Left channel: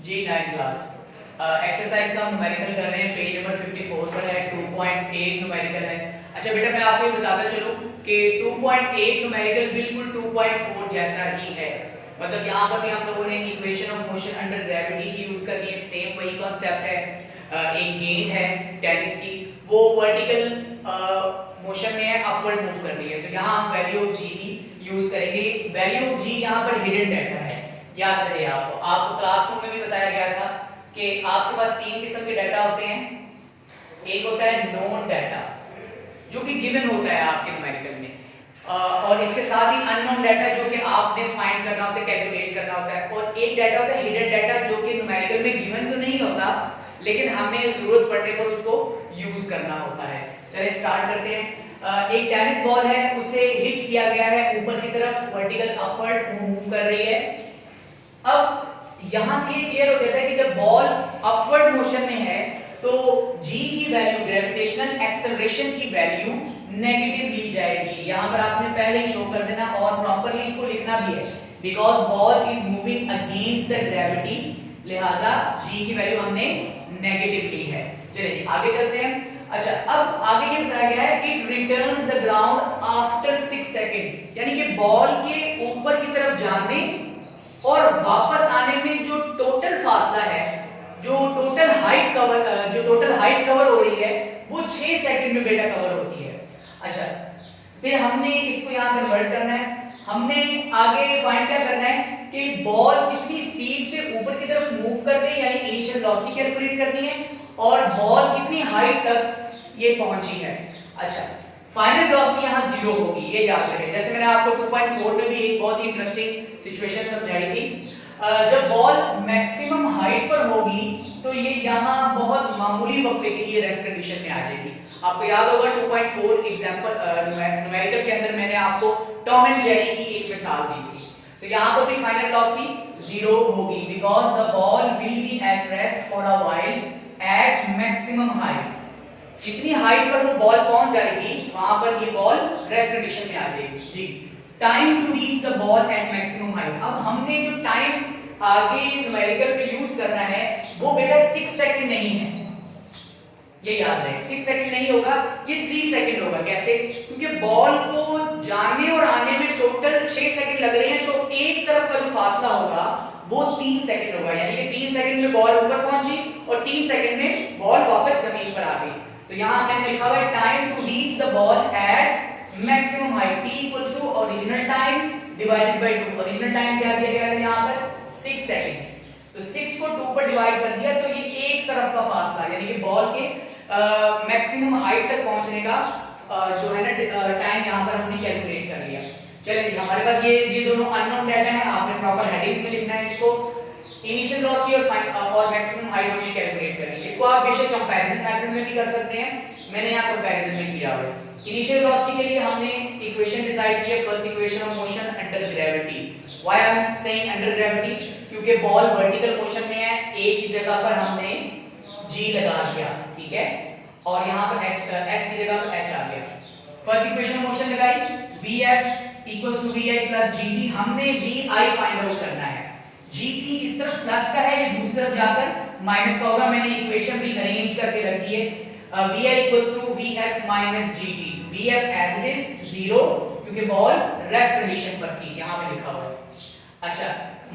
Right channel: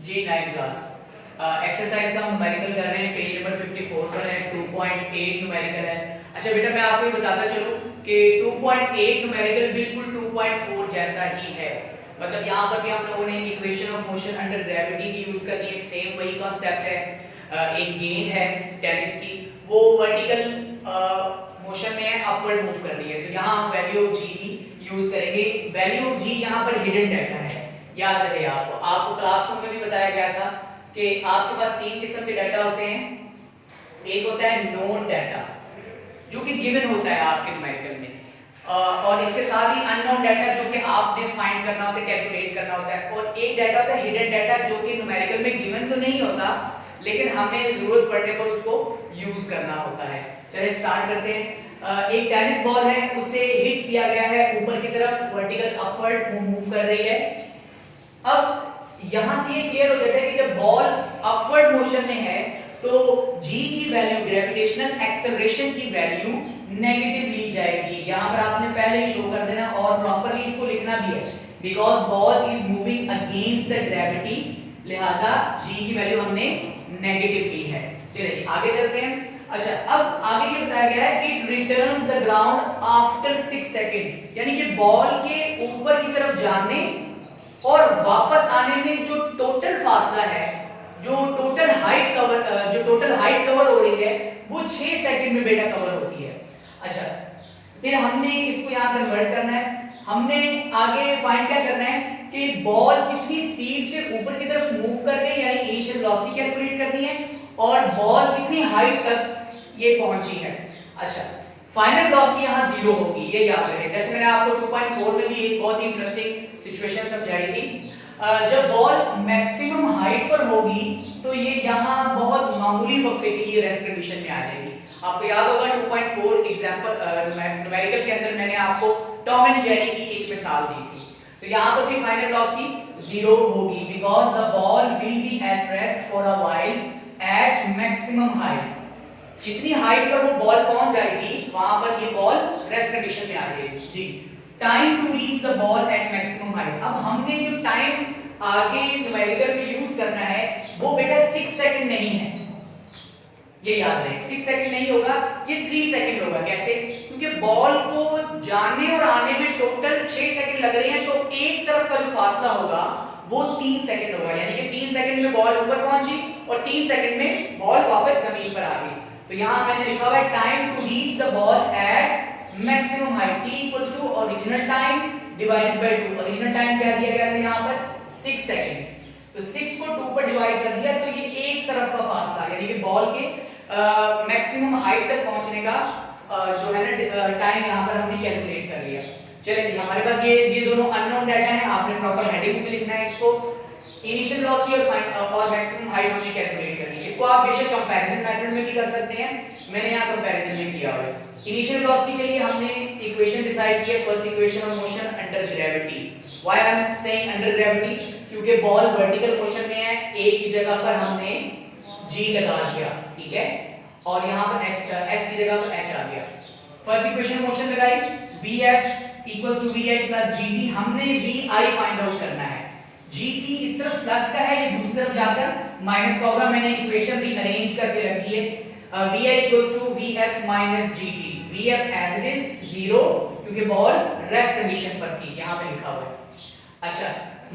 जी 9 class exercise का हम numerical कर रहे हैं, पेज नंबर 54 पर है, 2.8 न्यूमेरिकल है। अच्छा बेटा मैं आपको ये बताता चलूं कि 2.8 न्यूमेरिकल बिल्कुल 2.4 जैसा ही है। मतलब यहाँ पर भी हम लोगों ने equation of motion under gravity की यूज कर ली है, सेम वही कॉन्सेप्ट है। एक गेंद है टेनिस की, वो वर्टिकल मोशन में है, अपवर्ड मूव कर रही है, तो यहाँ हम वैल्यू ऑफ जी की यूज करेंगे। वैल्यू ऑफ जी यहाँ पर हिडन डाटा है, याद रहे आपको क्लासरूम में भी बताया गया था कि आपके पास तीन किस्म के डाटा होते हैं। एक होता है नोन डाटा जो कि गिवन होता है आपके न्यूमेरिकल में, और इसके साथ ही अननोन डाटा जो कि आपने फाइंड करना होता है, कैलकुलेट करना होता है, और एक डाटा होता है हिडन डाटा जो कि न्यूमेरिकल में गिवन तो नहीं होता लेकिन हमें जरूरत पड़ने पर उसको यूज करना होता है। चलिए स्टार्ट करते हैं। एक टेनिस बॉल है, उसे हिट किया गया है ऊपर की तरफ, वर्टिकल अपवर्ड मूव कर रही है। अब यहां से ये क्लियर हो जाता है कि जब बॉल अपवर्ड मोशन में है तो g की वैल्यू, ग्रेविटेशनल एक्सेलरेशन की वैल्यू नेगेटिव ली जाएगी। यहां पर आपने पहले ही शो कर देना और प्रॉपर्ली इसको लिखना भी है, because ball is moving against the gravity, लिहाजा g की वैल्यू हमने नेगेटिव ली है। चलिए आगे चलते हैं। अच्छा अब आगे ये बताया गया है कि it returns the ground after 6 second, यानी कि बॉल के ऊपर की तरफ जाने और वापस आने में जो टोटल फासला है, जो टोटल हाइट कवर हो रही है वो 6 सेकंड में बेटा कवर होती है। अच्छा फिर हमने इसको यहाँ कन्वर्ट करना है, हमने आगे फाइंड क्या करना है कि बॉल कितनी स्पीड से ऊपर की तरफ मूव कर रही है, यानी इनिशियल वेलोसिटी कैलकुलेट करनी है, और बॉल कितनी हाइट तक ये पहुंची है। अच्छा फाइनल वेलोसिटी यहाँ 0 होगी, ये याद रहे। जैसे मैंने आपको 2.4 में भी एक बहुत ही इंटरेस्टिंग सिचुएशन समझाई थी। जब बॉल मैक्सिमम हाइट पर होगी तो ये यहाँ बहुत मामूली वक्फे के लिए रेस्ट कंडीशन में आ जाएगी। आपको याद होगा 2.4 एग्जांपल न्यूमेरिकल के अंदर मैंने आपको टॉम एंड जेरी की एक मिसाल दी थी, तो यहाँ पर भी फाइनल वेलोसिटी 0 होगी, because the ball will be at rest for a while at maximum height. जितनी हाइट पर वो बॉल पहुंच जाएगी वहां पर ये बॉल रेस्ट कंडीशन में आ जाएगी। जी time to reach the ball at maximum height. अब हमने जो टाइम आगे न्यूमेरिकल में यूज करना है वो बेटा 6 सेकंड नहीं है, ये याद रहे। 6 सेकंड नहीं होगा, ये 3 सेकंड होगा। कैसे? क्योंकि बॉल को जाने और आने में टोटल 6 सेकंड लग रहे हैं, तो एक तरफ का जो फासला होगा वो 3 सेकंड होगा, यानी कि 3 सेकंड में बॉल ऊपर पहुंची और 3 सेकंड में बॉल वापस जमीन पर आ गई। तो यहां मैंने लिखा हुआ है time to reach the ball at maximum height, t equals to original time divided by 2। Original time क्या दिया गया था यहां पर 6 सेकंड्स, तो 6 को 2 पर डिवाइड कर दिया तो ये एक तरफ का फासला, यानी कि बॉल के मैक्सिमम हाइट तक पहुंचने का जो है ना टाइम यहां पर हमने कैलकुलेट कर लिया। चलिए हमारे पास ये दोनों अननोन डाटा है, आपने प्रॉपर हेडिंग्स में लिखना है इसको। इनिशियल वेलोसिटी और मैक्सिमम हाइट हमने कैलकुलेट कर ली। इसको आप बेशक कंपैरिजन मेथड में भी कर सकते हैं, मैंने यहां कंपैरिजन में किया हुआ है। इनिशियल वेलोसिटी के लिए हमने इक्वेशन डिसाइड की है, first equation of motion under gravity. Why I am saying under gravity? क्योंकि बॉल वर्टिकल मोशन में है, a की जगह पर हमने g लगा दिया, ठीक है, और यहां पर s की जगह पर h आ गया। फर्स्ट इक्वेशन मोशन लगाई, vf equals to vi plus gt। हमने vi फाइंड आउट करना है, gt इस तरफ प्लस का है, ये दूसरी तरफ जाकर माइनस का होगा। मैंने इक्वेशन भी अरेंज करके रखी है, vi equals to vf minus gt। vf as it is 0 क्योंकि बॉल रेस्ट कंडीशन पर थी, यहां पे लिखा हुआ है। अच्छा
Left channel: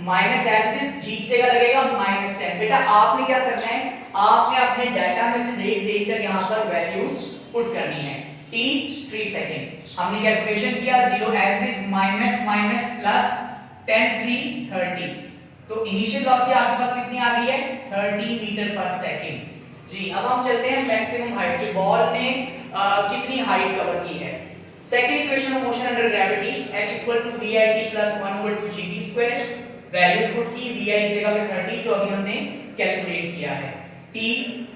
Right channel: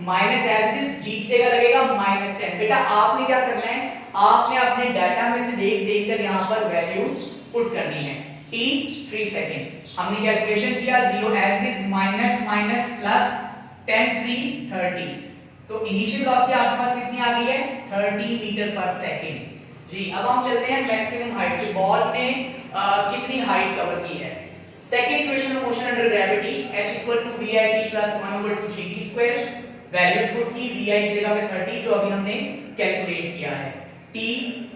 minus as it is g की जगह लगेगा -10। बेटा आपने क्या करना है, आपने अपने डाटा में से देख कर यहां पर वैल्यूज पुट करनी है। t 3 सेकंड हमने कैलकुलेशन किया, 0 as it is minus minus plus 10 3 30, तो इनिशियल वेलोसिटी आपके पास कितनी आ गई है 30 मीटर पर सेकंड। जी अब हम चलते हैं मैक्सिमम हाइट पे, बॉल ने कितनी हाइट कवर की है। Second equation of motion under gravity, h equal to vit plus 1/2gt square. Values put की, vi की जगह पे 30 जो अभी हमने कैलकुलेट किया है, t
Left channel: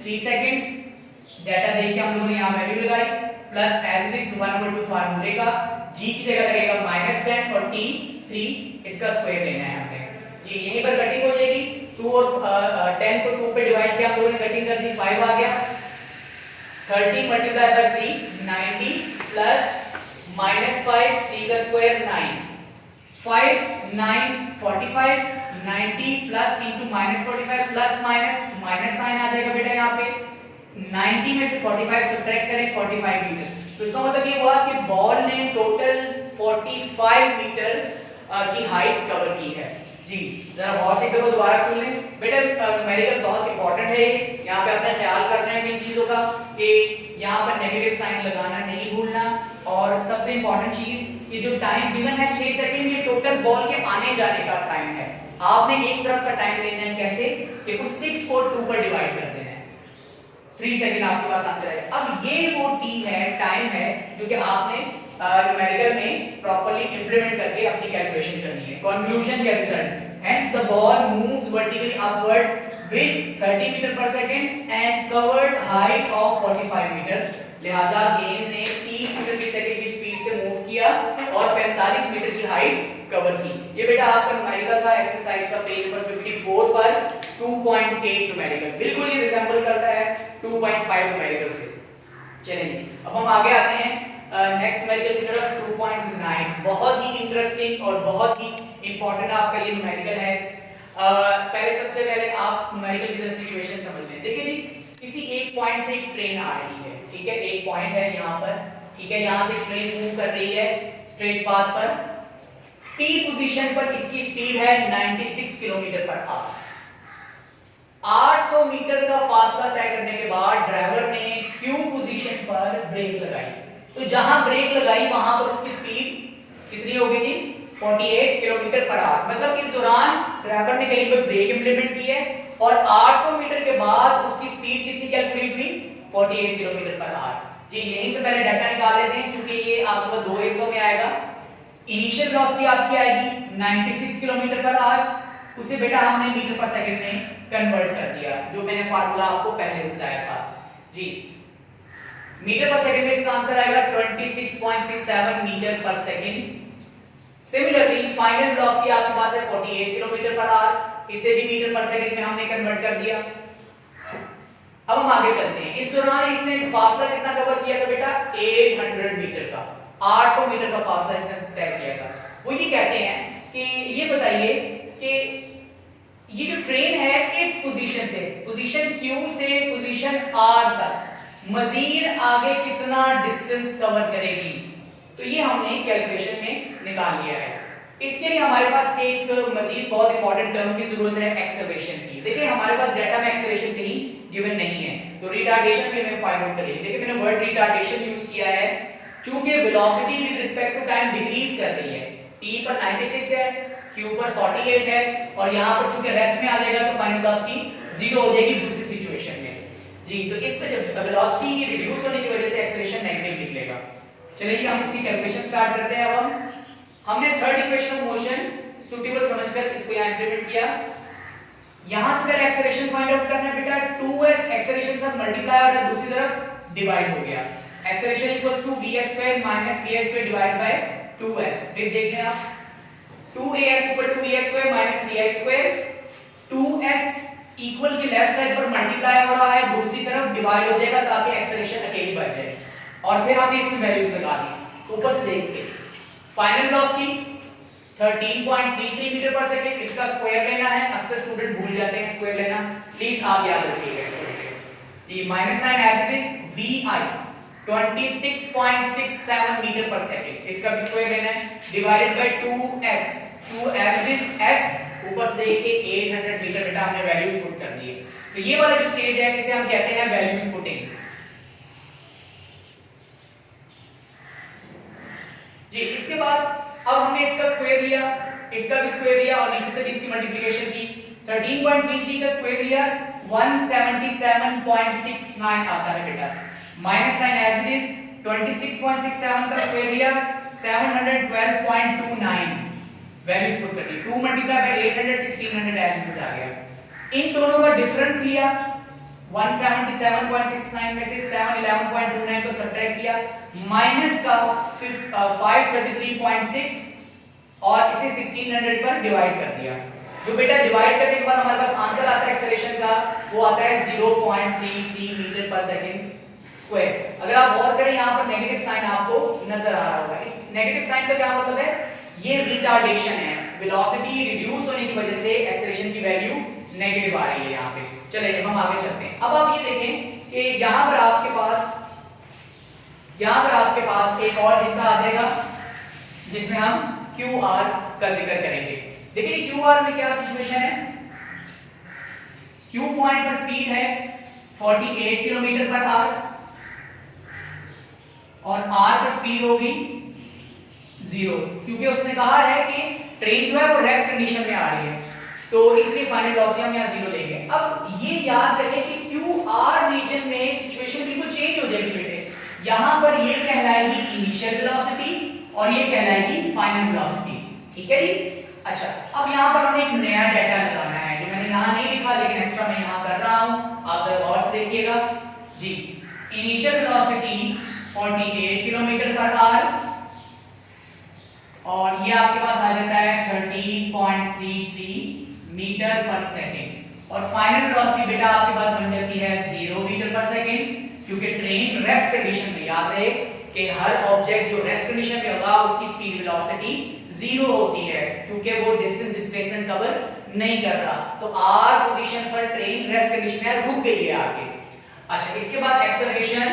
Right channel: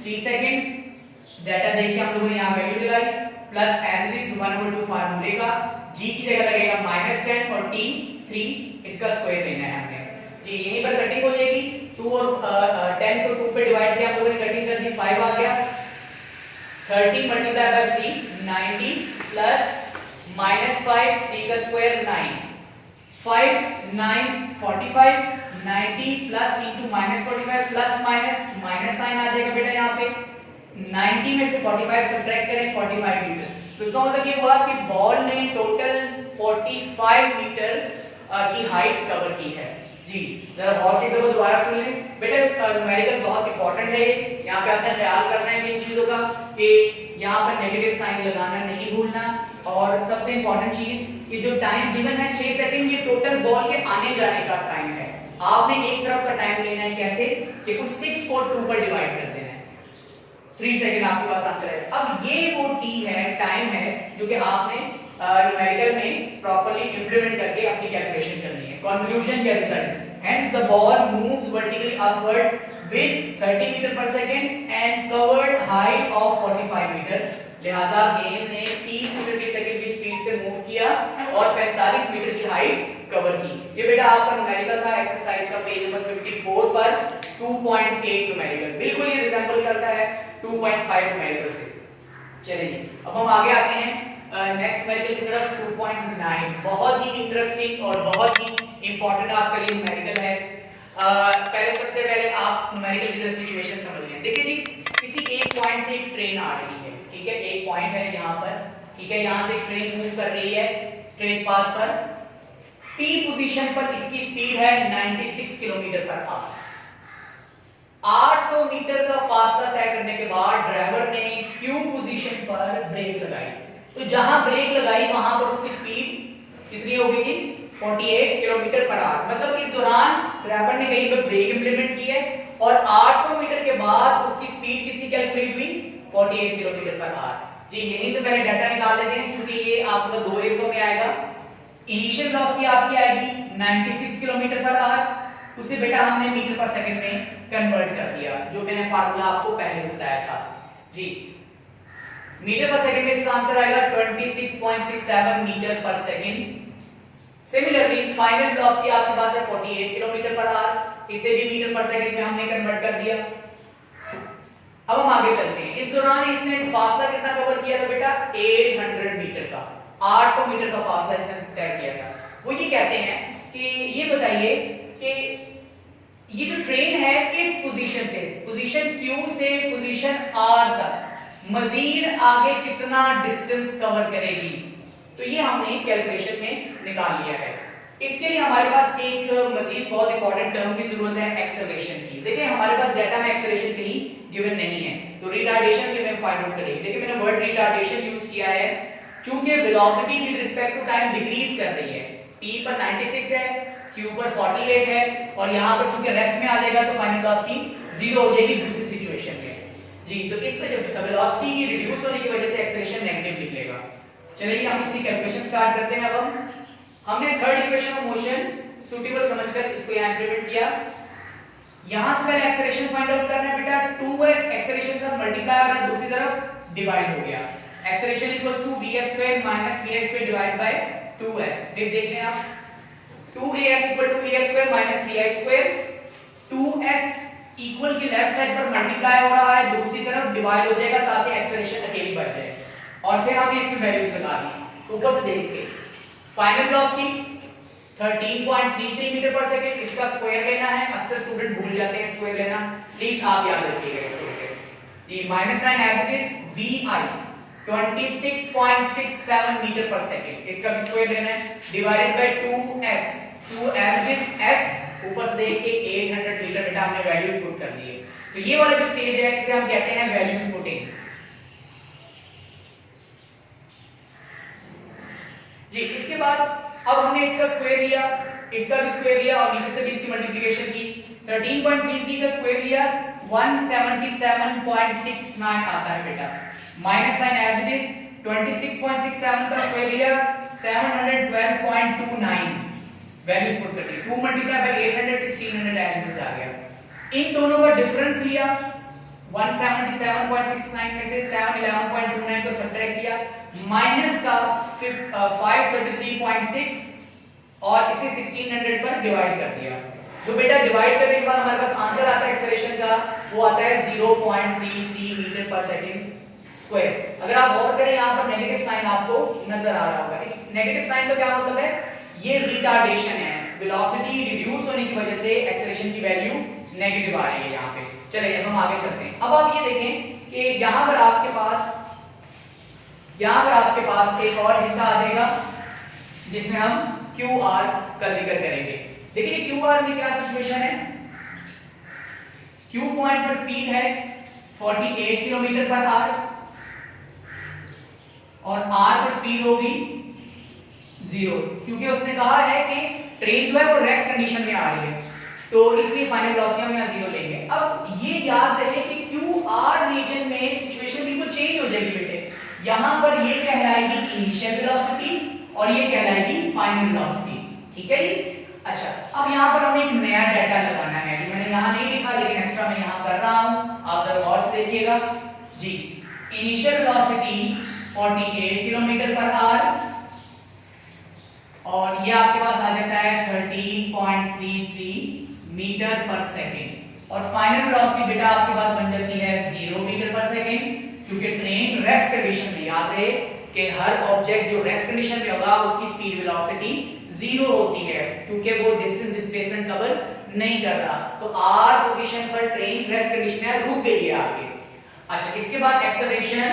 3 सेकंड्स। डाटा देख के हम लोगों ने यहां वैल्यू लगाई, प्लस एज इट इज 1/2 फार्मूले का, g की जगह लगेगा -10 और t 3 इसका स्क्वायर लेना है हमें। जी यहीं पर कटिंग हो जाएगी, 2 और 10 को 2 पे डिवाइड किया, हम लोगों ने कटिंग कर दी, 5 आ गया। 30 मल्टीप्लाई बाय 3 90 प्लस -5 3 का square 9 5 9 45, 90 plus into minus 45 plus minus minus sign आ जाएगा बेटा यहाँ पे 90 में से 45 सब्ट्रैक्ट करें 45 मीटर। तो इसका मतलब ये हुआ कि बॉल ने टोटल 45 मीटर की हाइट कवर की है। जी जरा गौर से देखो, दोबारा सुन लें बेटा, न्यूमेरिकल बहुत इंपॉर्टेंट है। यहाँ पे आपने ख्याल करना है इन चीजों का कि यहाँ पर नेगेटिव साइन लगाना नहीं भूलना। और सबसे इंपॉर्टेंट चीज, ये जो टाइम गिवन है 6 सेकंड, ये टोटल बॉल के आने जाने का टाइम है। आपने एक तरफ का टाइम लेना है, कैसे कि कुछ 6 को 2 पर डिवाइड कर देना है, 3 सेकंड आपके पास आंसर आएगा। अब ये वो टी है, टाइम है, जो कि आपने न्यूमेरिकल में प्रॉपर्ली इंप्लीमेंट करके अपनी कैलकुलेशन करनी है। कंक्लूजन या result, hence the ball moves vertically upward with 30 metre per second and covered height of 45 metre. लिहाजा गेंद ने 30 मीटर की सेकंड की स्पीड से मूव किया और 45 मीटर की हाइट कवर की। ये बेटा आपका न्यूमेरिकल था, एक्सरसाइज का पेज नंबर 54 पर 2.8 न्यूमेरिकल, बिल्कुल ये रिजेंबल करता है 2.5 न्यूमेरिकल से। चलिए अब हम आगे आते हैं नेक्स्ट न्यूमेरिकल की तरफ, 2.9। बहुत ही इंटरेस्टिंग और बहुत ही इंपॉर्टेंट आपका ये न्यूमेरिकल है। पहले सबसे पहले आप न्यूमेरिकल की सिचुएशन समझ लें। देखिए जी, किसी एक पॉइंट से एक ट्रेन आ रही है, ठीक है, एक पॉइंट है यहाँ पर, ठीक है, यहाँ से ट्रेन मूव कर रही है स्ट्रेट पाथ पर। पी पोजीशन पर इसकी स्पीड है 96 किलोमीटर पर आवर। 800 मीटर का फासला तय करने के बाद ड्राइवर ने क्यू पोजीशन पर ब्रेक लगाई। तो जहां ब्रेक लगाई वहां पर उसकी स्पीड कितनी हो गई थी? 48 किलोमीटर पर आवर। मतलब इस दौरान ड्राइवर ने कहीं पर ब्रेक इंप्लीमेंट की है और 800 मीटर के बाद उसकी स्पीड कितनी कैलकुलेट हुई? 48 किलोमीटर पर आवर। जी यहीं से पहले डाटा निकाल लेते हैं, क्योंकि ये आपका 2 हिस्सों में आएगा। इनिशियल वेलोसिटी आपकी आएगी 96 किलोमीटर पर आवर, उसे बेटा हमने मीटर पर सेकंड में कन्वर्ट कर दिया, जो मैंने फार्मूला आपको पहले बताया था। जी मीटर पर सेकंड में इसका आंसर आएगा 26.67 metre per second. Similarly final velocity आपके पास है 48 किलोमीटर पर आवर, इसे भी मीटर पर सेकंड में हमने कन्वर्ट कर दिया। अब हम आगे चलते हैं। इस दौरान इसने फासला कितना कवर किया था बेटा? 800 मीटर का, 800 मीटर का फासला इसने तय किया था। वो ये कहते हैं कि ये बताइए कि ये जो ट्रेन है इस पोजीशन से, पोजीशन Q से पोजीशन R तक मजीद आगे कितना डिस्टेंस कवर करेगी। तो ये हमने कैलकुलेशन में निकाल लिया है। इसके लिए हमारे पास एक मजीद बहुत इंपॉर्टेंट टर्म की जरूरत है, एक्सेलरेशन की। देखिए हमारे पास डाटा में एक्सेलरेशन कहीं गिवन नहीं है, तो रिटार्डेशन के में फाइंड आउट करेंगे। देखिए मैंने वर्ड रिटार्डेशन यूज किया है, चूंकि velocity with respect to time decrease कर रही है। t पर 96 है, q पर 48 है, और यहां पर चूंकि रेस्ट में आ जाएगा तो फाइनल वेलोसिटी 0 हो जाएगी दूसरी सिचुएशन में। जी तो इस पे जब वेलोसिटी रिड्यूस होने की वजह से एक्सेलरेशन नेगेटिव निकलेगा। चलिए हम इसकी कैलकुलेशन स्टार्ट करते हैं। अब हमने third equation of motion suitable समझकर इसको यहां इंप्लीमेंट किया। यहां से पहले एक्सेलरेशन फाइंड आउट करना है बेटा। 2s एक्सेलरेशन का मल्टीप्लाई और दूसरी तरफ डिवाइड हो गया। Acceleration equals to vx² minus vx² divide by 2s। फिर देखें आप 2as equal to vx² minus vi²। 2s equal की लेफ्ट साइड पर मल्टीप्लाई हो रहा है, दूसरी तरफ डिवाइड हो जाएगा ताकि एक्सेलरेशन अकेली बच जाए। और फिर हमने इसमें वैल्यूज बता दी ऊपर से देखते। Final velocity 13.33 metre per second, इसका स्क्वायर लेना है। अक्सर स्टूडेंट भूल जाते हैं स्क्वायर लेना, प्लीज आप याद रखिएगा इसको। ये minus sign as it is vi 26.67 metre per second, इसका भी स्क्वायर लेना है, divided by 2s। 2 as it is s, ऊपर से देखिए 800 मीटर बेटा हमने वैल्यूज पुट कर दिए। तो ये वाला जो स्टेज है इसे हम कहते हैं वैल्यूज पुटिंग। जी इसके बाद अब हमने इसका स्क्वायर लिया, इसका भी स्क्वायर लिया और नीचे से भी इसकी मल्टीप्लिकेशन की। 13.33 का स्क्वायर लिया 177.69 आता है बेटा। Minus sign as it is 26.67 का स्क्वायर लिया 712.29 वैल्यूज पुट कर दी। 2 multiply by 800 1600 as it is आ गया। इन दोनों का डिफरेंस लिया 177.69 में से 711.29 को सब्ट्रैक्ट किया, माइनस का 533.6 और इसे 1600 पर डिवाइड कर दिया। जो बेटा डिवाइड करने के बाद हमारे पास आंसर आता है एक्सेलरेशन का, वो आता है 0.33 मीटर पर सेकंड स्क्वायर। अगर आप गौर करें यहाँ पर नेगेटिव साइन आपको नजर आ रहा होगा। इस नेगेटिव साइन का क्या मतलब है? ये रिटार्डेशन है। वेलोसिटी रिड्यूस होने की वजह से एक्सेलरेशन की वैल्यू नेगेटिव आ रही है यहाँ पे। चलिए हम आगे चलते हैं। अब आप ये देखें कि यहाँ पर आपके पास एक और हिस्सा आ जाएगा जिसमें हम QR का जिक्र करेंगे। देखिए QR में क्या सिचुएशन है, Q पॉइंट पर स्पीड है 48 किलोमीटर पर आवर और R पर स्पीड होगी 0, क्योंकि उसने कहा है कि ट्रेन जो है वो रेस्ट कंडीशन में आ रही है, तो इसलिए फाइनल वेलोसिटी हम यहाँ 0 लेंगे। अब ये याद रखें कि QR रीजन में सिचुएशन बिल्कुल चेंज हो जाएगी बेटे। यहां पर ये कहलाएगी इनिशियल वेलोसिटी और ये कहलाएगी फाइनल वेलोसिटी, ठीक है जी। अच्छा, अब यहाँ पर हमें एक नया डाटा लगाना है जो मैंने यहाँ नहीं लिखा, लेकिन एक्स्ट्रा मैं यहाँ कर रहा हूँ, आप जरा गौर से देखिएगा जी। Initial velocity 48 kilometre per hour और ये आपके पास आ जाता है 13.33 मीटर पर सेकेंड और फाइनल वेलोसिटी बेटा आपके पास बन जाती है 0 मीटर पर सेकेंड, क्योंकि ट्रेन रेस्ट कंडीशन में, याद रहे कि हर ऑब्जेक्ट जो रेस्ट कंडीशन में होगा उसकी स्पीड वेलोसिटी 0 होती है, क्योंकि वो डिस्टेंस डिस्प्लेसमेंट कवर नहीं कर रहा। तो R पोजीशन पर ट्रेन रेस्ट कंडीशन में रुक गई है आगे। अच्छा, इसके बाद एक्सेलरेशन,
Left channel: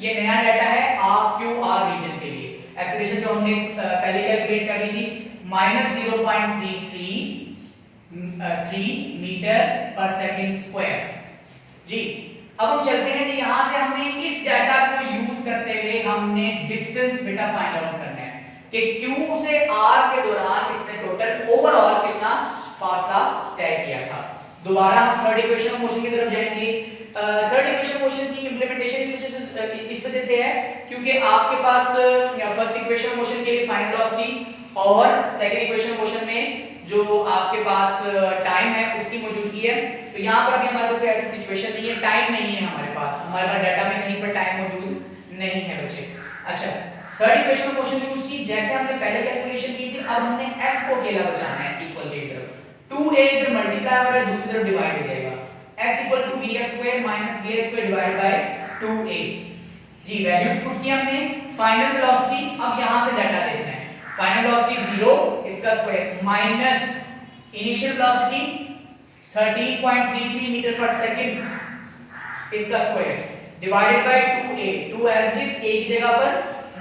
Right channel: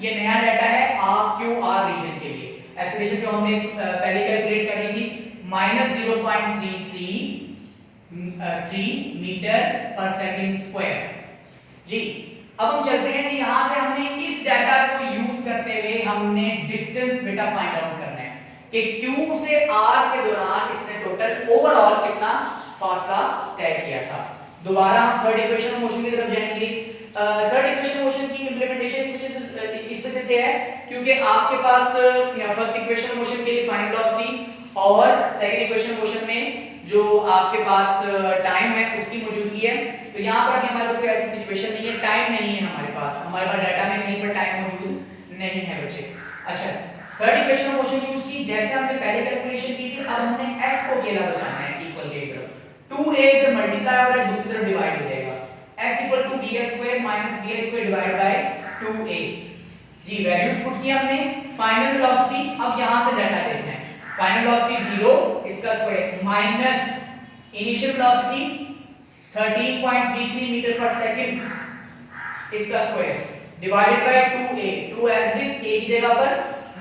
ये नया डाटा है QR रीजन के लिए। एक्सेलरेशन जो हमने पहले कैलकुलेट कर ली थी -0.333 मीटर पर सेकंड स्क्वायर जी। अब हम चलते हैं कि यहां से हमने इस डाटा को यूज करते हुए हमने डिस्टेंस बेटा फाइंड आउट करना है कि Q से R के दौरान इसने टोटल ओवरऑल कितना फासला तय किया था। दोबारा हम थर्ड इक्वेशन ऑफ मोशन की तरफ जाएंगे। थर्ड इक्वेशन मोशन की इंप्लीमेंटेशन इस वजह से है क्योंकि आपके पास फर्स्ट इक्वेशन मोशन के लिए फाइनल वेलोसिटी और सेकंड इक्वेशन मोशन में जो आपके पास टाइम है उसकी मौजूदगी है। तो यहाँ पर अभी हमारे पास ऐसी सिचुएशन नहीं है, टाइम नहीं है हमारे पास डाटा में कहीं पर टाइम मौजूद नहीं है बच्चे। अच्छा, थर्ड इक्वेशन मोशन यूज की, जैसे हमने पहले कैलकुलेशन की थी, अब हमने s को अकेला बचाना है इक्वल की तरफ। 2a इधर मल्टीप्लाई हो रहा है, दूसरी तरफ डिवाइड हो जाएगा। s equal to v² minus v² divide by 2a जी। वैल्यूज पुट किया हमने, फाइनल वेलोसिटी, अब यहां से डाटा देखना है। फाइनल वेलोसिटी 0 इसका square minus initial velocity 13.33 metre per second इसका square divided by 2a, 2 as it is, a की जगह पर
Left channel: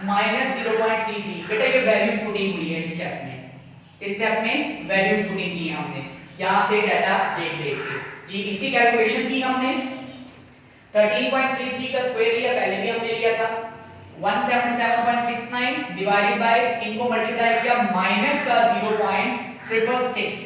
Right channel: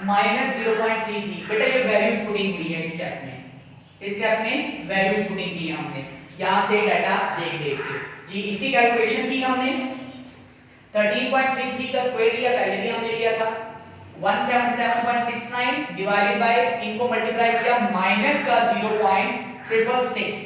माइनस 0.33। बेटा ये वैल्यूज पुटिंग हुई है इस स्टेप में वैल्यूज पुटिंग की है हमने, यहां से डाटा देख के जी। इसकी कैलकुलेशन की हमने 13.33 का स्क्वायर लिया, पहले भी हमने लिया था 177.69 डिवाइडेड बाय, इनको मल्टीप्लाई किया माइनस का 0.666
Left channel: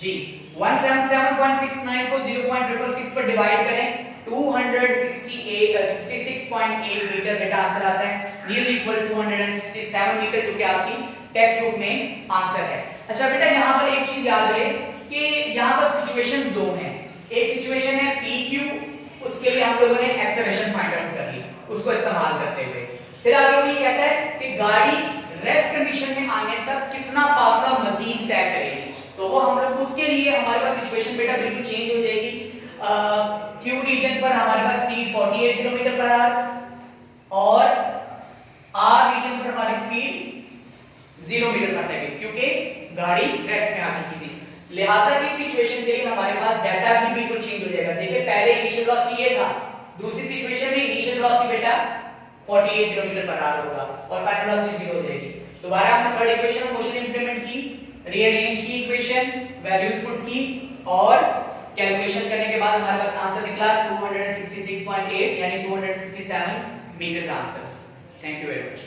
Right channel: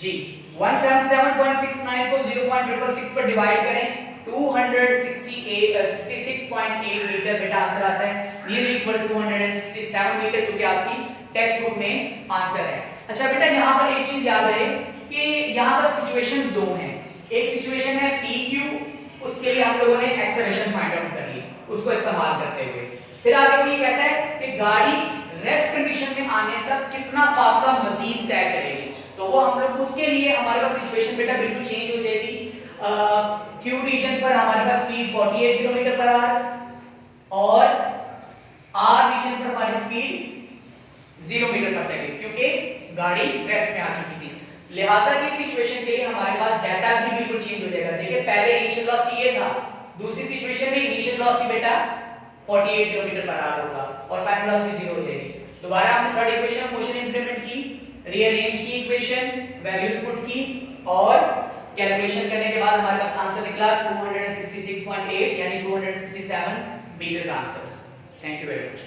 जी। 177.69 को 0.666 पर डिवाइड करें 66.8 मीटर बेटा आंसर आता है, नियरली इक्वल 267 मीटर, जो कि आपकी टेक्स्ट बुक में आंसर है। अच्छा बेटा, यहाँ पर एक चीज याद रहे कि यहाँ पर सिचुएशंस दो हैं। एक सिचुएशन है PQ, उसके लिए हम लोगों ने एक्सेलरेशन फाइंड आउट कर ली उसको इस्तेमाल करते हुए। फिर आगे वो ये कहता है कि गाड़ी रेस्ट कंडीशन में आने तक कितना फासला मजीद तय करेगी, तो वो हम लोग उसके लिए हमारे पास सिचुएशन बेटा बिल्कुल चेंज हो जाएगी। Q रीजन पर हमारे पास स्पीड 48 किलोमीटर पर आवर और R रीजन पर हमारी स्पीड 0 मीटर पर सेकंड, क्योंकि गाड़ी रेस्ट में आ चुकी थी। लिहाजा इस सिचुएशन के लिए हमारे पास डाटा भी बिल्कुल चेंज हो जाएगा। देखिए पहले इनिशियल वेलोसिटी ये था, दूसरी सिचुएशन में इनिशियल वेलोसिटी बेटा 48 किलोमीटर पर आवर होगा और फाइनल वेलोसिटी 0 हो जाएगी। दोबारा हमने third equation of motion implement की, रीअरेंज की इक्वेशन, वैल्यूज पुट की और कैलकुलेशन करने के बाद हमारे पास आंसर निकला 266.8 यानी 267 metres answer. Thank you very much.